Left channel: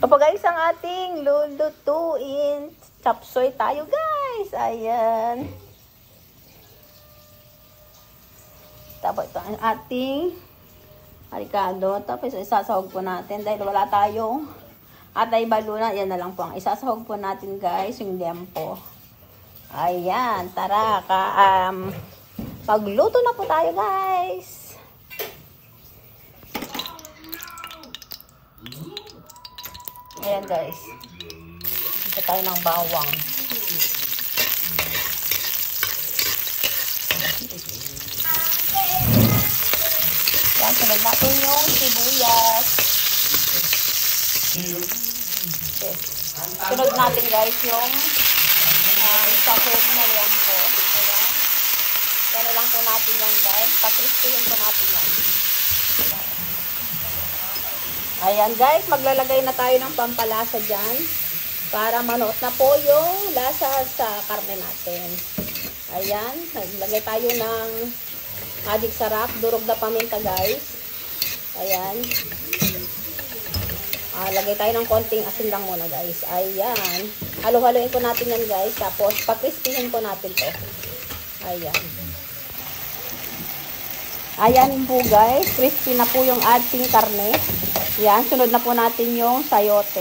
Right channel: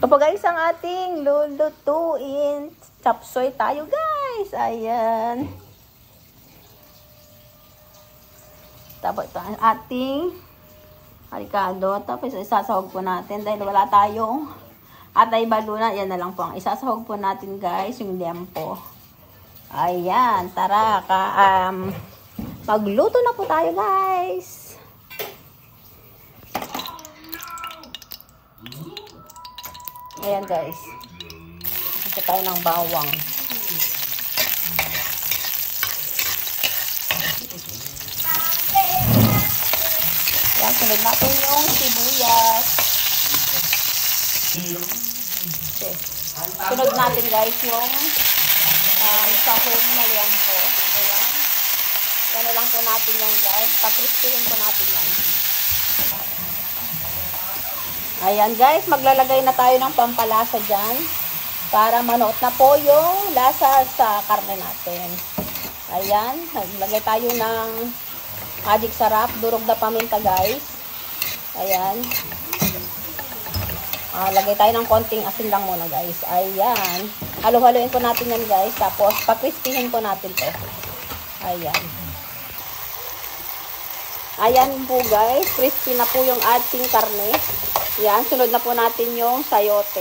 Ito po guys ang ating lulutuin. Chop suey tayo guys. Ayan. Tapos ito ang ating ricado. Tapos isasawag po natin dahil wala tayong atay baluna. Yan na lang po ang isasawag po natin guys. Yung liempo. Ayan. Tara. Magluto na po tayo guys. Ayan guys. Ito tayo ng bawang. Ayan, sunod natin yung sibuyas. Sunod natin guys yung sahog ng liempo. Ayan na lang po natin yung guys. Papristuhin po natin yung ayan guys, maglalagay na tayo ng pampalasa dyan para manuot na po yung lasa sa karne natin. Ayan, maglagay tayo ng magic sarap, durog na paminta guys. Ayan. Lagay tayo ng konting asin lang muna guys. Ayan. Halo-haloin po natin yan guys. Tapos, pakrispihin po natin po. Ayan. Ayan din guys, crispy na po yung ating karne. Yan, sunod na po natin yung sayote.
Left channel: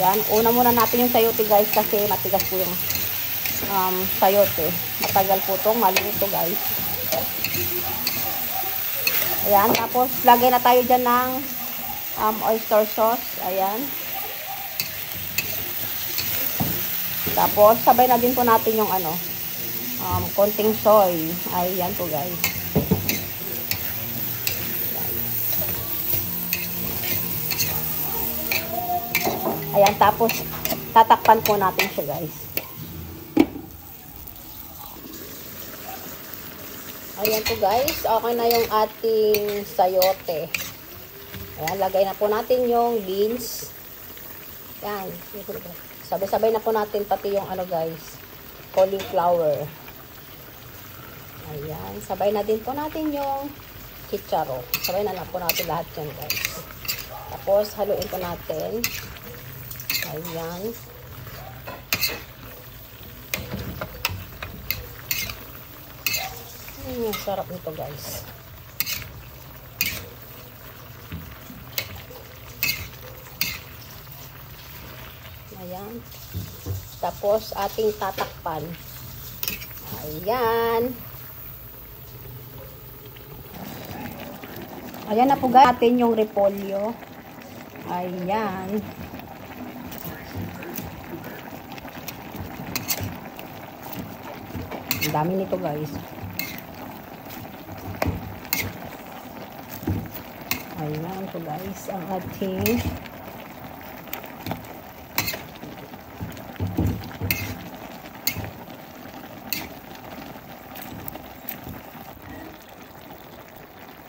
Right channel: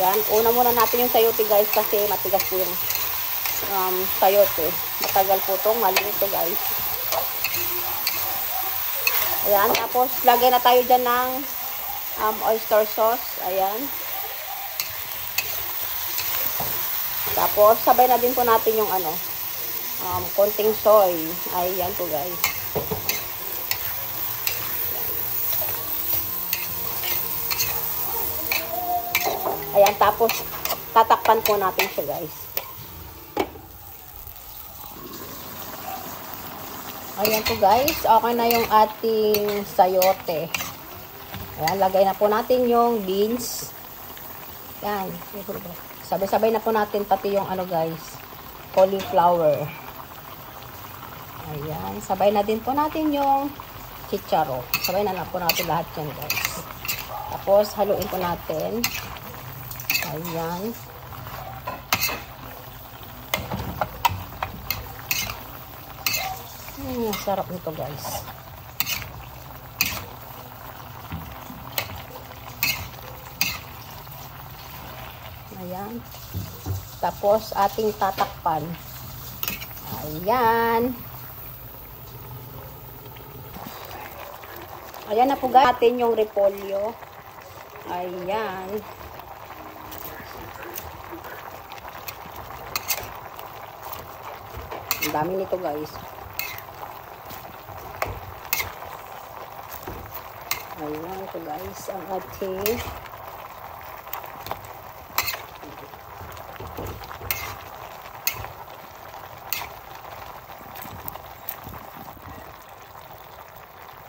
Yan, ayun muna natin yung sayote guys kasi natigas yung sayote. Tagal po ito, maliit guys. Yan, tapos lagay na tayo dyan ng oyster sauce. Ayan. Tapos, sabay lang din po natin yung konting soy. Ayan po guys. Tapos, tatakpan po natin siya guys. Ayan po guys. Okay na yung ating sayote. Ayan, lagay na po natin yung beans. Ayan. Sabay-sabay na po natin pati yung guys. Cauliflower. Ayan. Sabay na din po natin yung chicharo. Sabay na po natin lahat yan guys. Tapos, haluin po natin. Ayan. Sarap nito guys. Ayan. Tapos ating tatakpan. Ayan. Ayan na po guys. Atin yung repolyo. Ayan.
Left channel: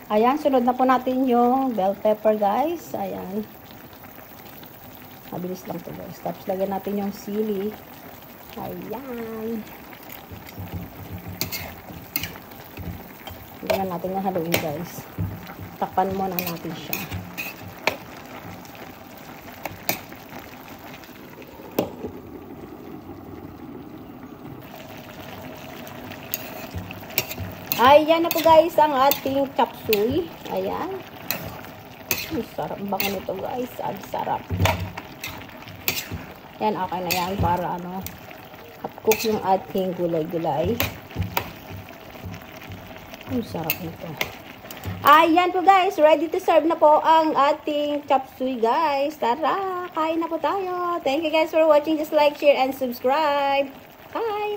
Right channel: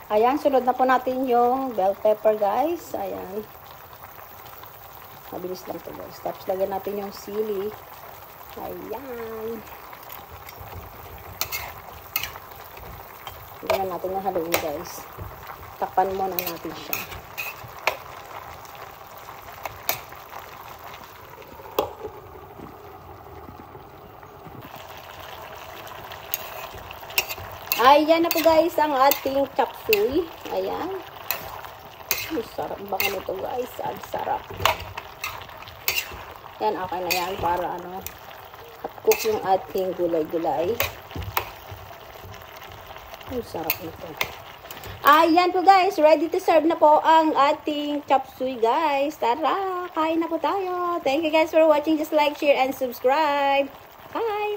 Ayan, sunod na po natin yung bell pepper guys. Ayan. Alis lang tayo. Tapos lagyan natin yung sili. Ayan. Ayan natin yung halin guys. Kapag natin siya. Ayan na po guys ang ating chop suey. Ayan. Isa, baka nito guys. Ang sarap. Yan, okay na yan. Cook yung ating gulay-gulay. Ang sarap nito. Ayan po guys. Ready to serve na po ang ating chop suey guys. Tara. Kain na po tayo. Thank you guys for watching. Just like, share, and subscribe. Bye!